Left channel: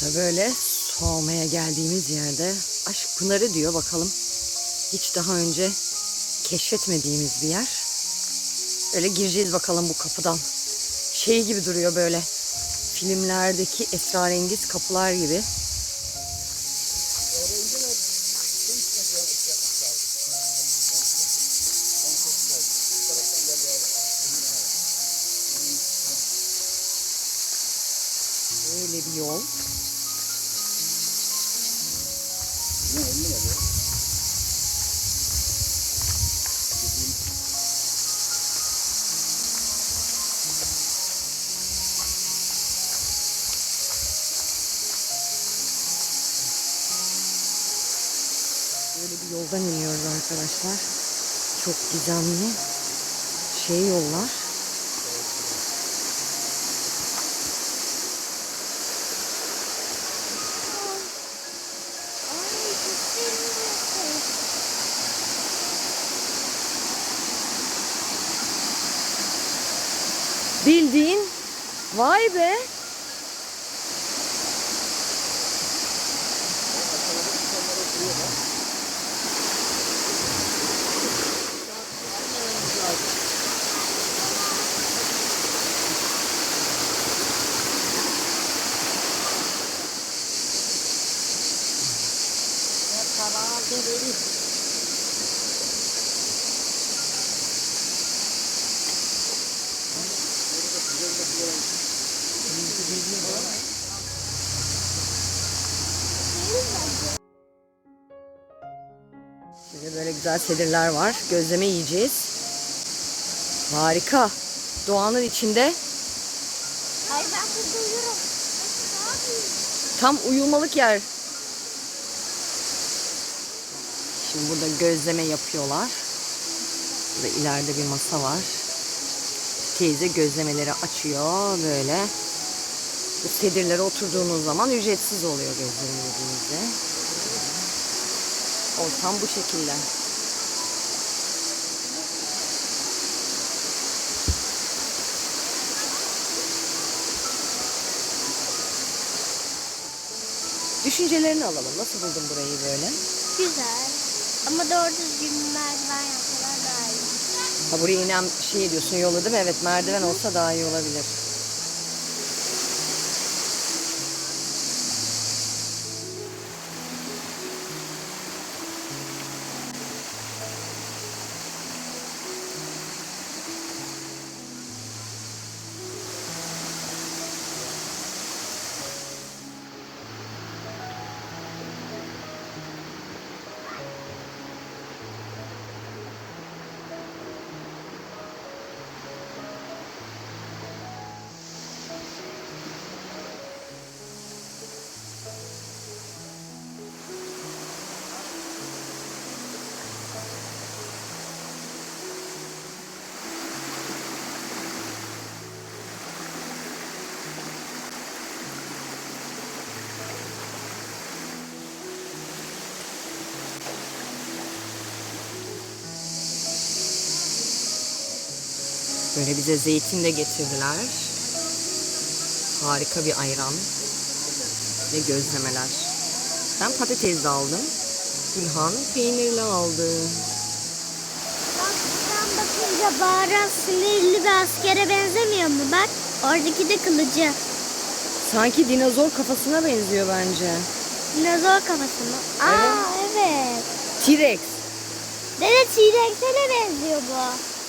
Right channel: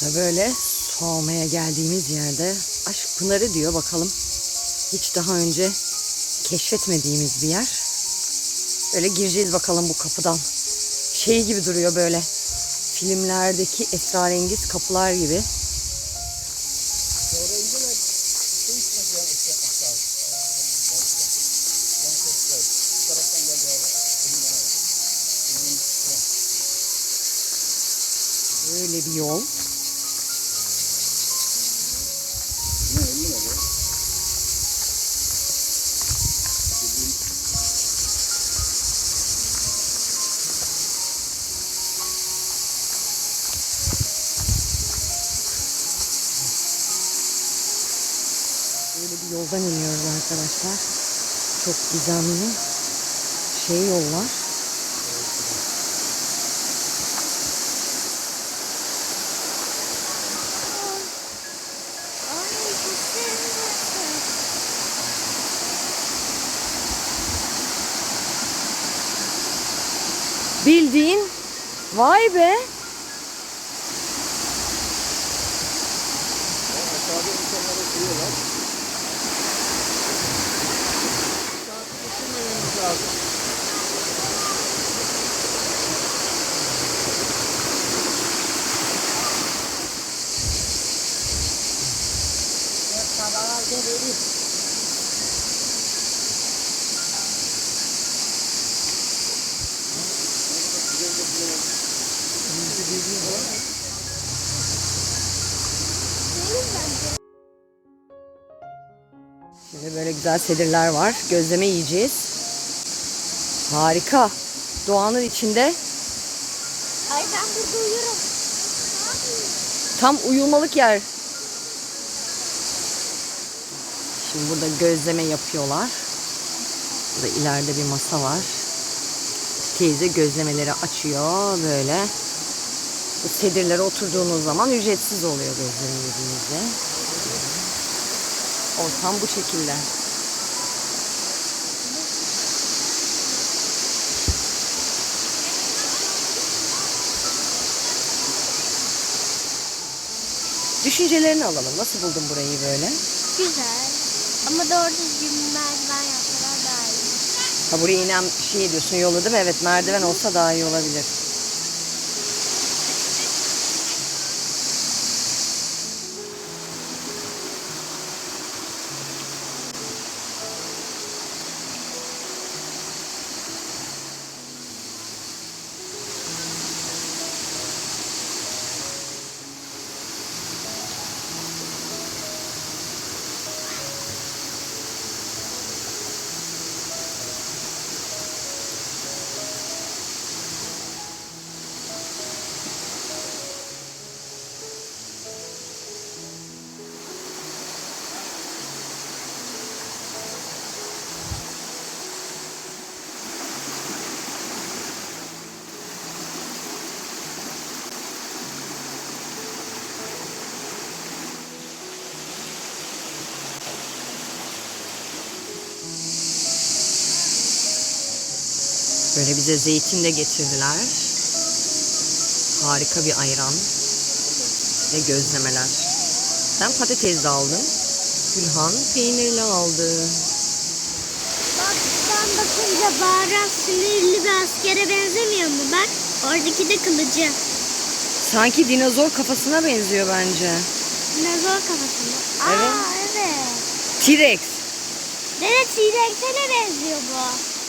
da böyle su almaya geldiğimiz yerde Aşk Pınarı diyor bakalım. Hiç daha önce keşfetmediğimiz bir yer. Böyle gireceğiz bakalım bu kapıdan. Şey gibi duruyor böyle. Filmlerdeki esrarengiz kapılar gibi. Böyle bir yol. Böyle bir yoldan iniyoruz arkadaşlar. Çok gizemli şey yollar. Bildiğin vay be. Şimdi böyle güzel sedirler var. Gözleme yiyeceğiz. Harika. Doğanın içinde Hayır ben burada uyurum. tam uyumalık yer. Şimdi burada gözleme yapıyorlar. Burada ileride bir masa var. Teyze gözlemeleri açıyor böyle. Bu sedirlere oturduğunuz zaman ücretsiz oluyor gözleme yediğinizde. Ortam bu şekilde. Düşüncelerini alalım. Nasıl buldun burayı böyle? Güzel. Ama doğru düzgün merdiven yapsalar daha iyi. Ha buraya inen şey diyorsun yolu değil mi? Evet merdiven olsa daha iyi olabilir. Böyle bize zeytin de getirdiler. Harika bir ayran ve gözlemeler. Ben patates de aldım. Gülhan peynirli aldı. Bak buradan bakınca baharat sinirli bir askere benzemiyor mu? Bak oradaki de kılıcı. Sanki dinozor kafasına benziyor bence. Dinozor kafasında. Aa Evet. evet. T-Rex. Evet T-Rex'e benziyor bu.